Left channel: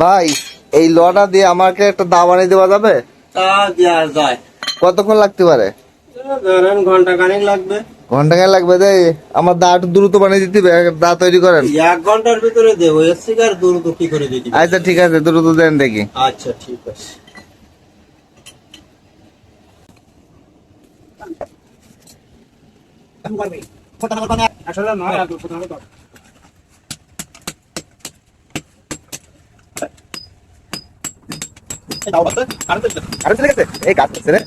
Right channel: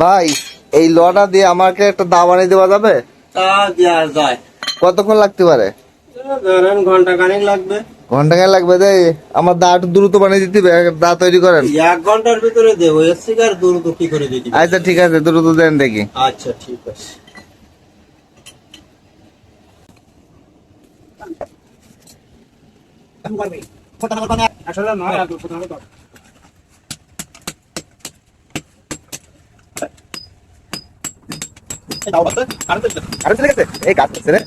ভাই এই লটা দিয়ে আমাকে একটা দা বানিয়ে দেওয়া যাবে? তা দেওয়া যায়। কতক্ষণ লাগতে পারে? ধরেন ঘন্টা খানেক লাগবে। ঘন্টা খানেক লাগবে? দেয় আমার দা একটু দ্রুত বানিয়ে দিতে হবে, দা তৈরি করেন। 1 ঘন্টার ভিতরে দেবো, এর থেকে আর দ্রুত কি করে দিতে পারি? আচ্ছা ঠিক আছে, দ্রুত দেন দেখি। আচ্ছা ঠিক আছে। আসলে নয় আর দুটো ধরে দাও। এই দাও বাবা, আর চলে গেছে এই কাজ করছে রে।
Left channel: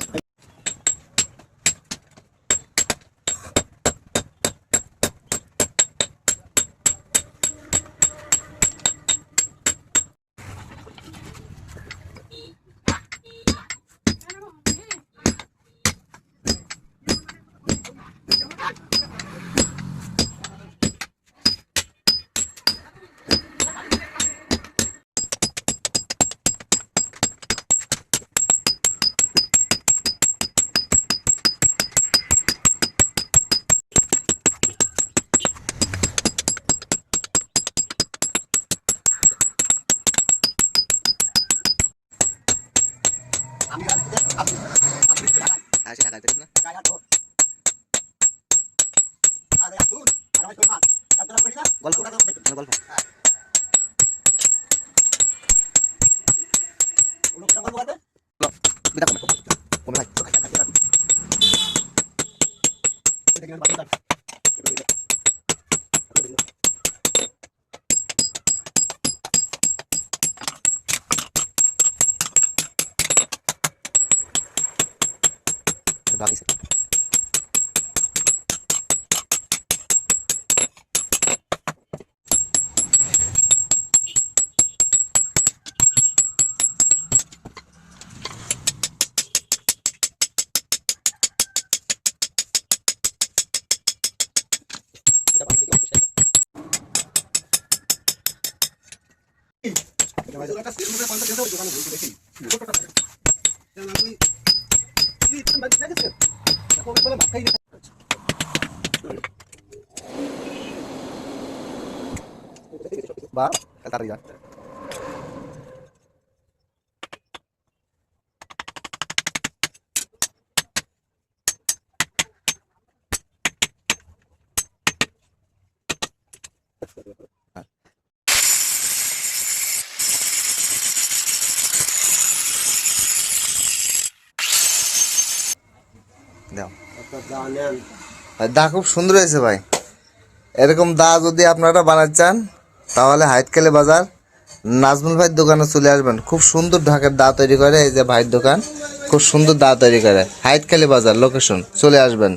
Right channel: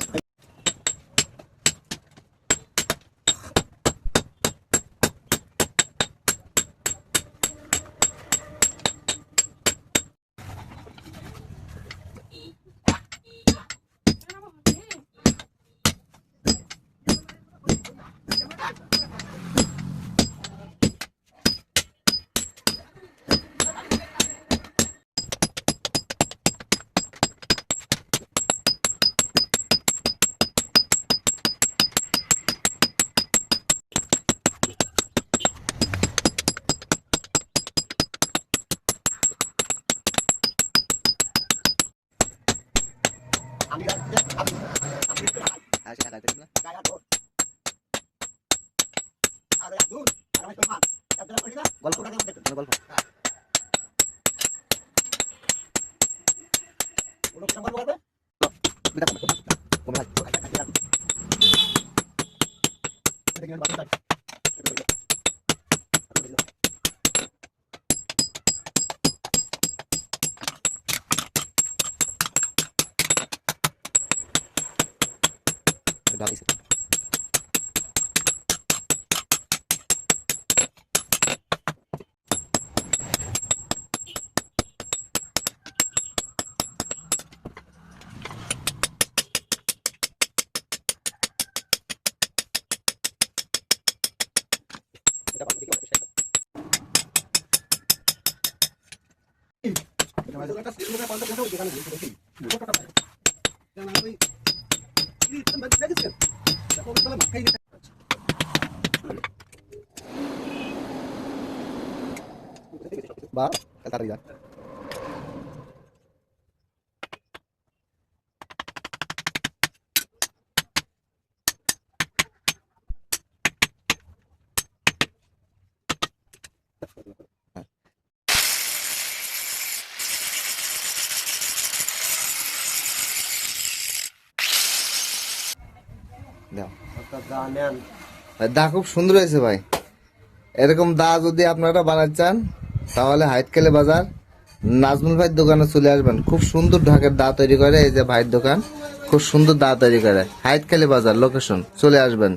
বা তাড়াতাড়ি যা। দা খুব সুন্দর হয়েছে ভাই। এরকম দা যদি আপনারা বানাতে চান তাহলে হাইতখালী বাজার নাজমুল ভাইয়ের দোকানে চলে আসবেন। খুব সুন্দর ঢাকের দা তৈরি করে, এই যে ভাইয়ের দোকান, খুব সুন্দর দা তৈরি করে। হাইতখালী বাজার লোকেশন, চলে আসবেন।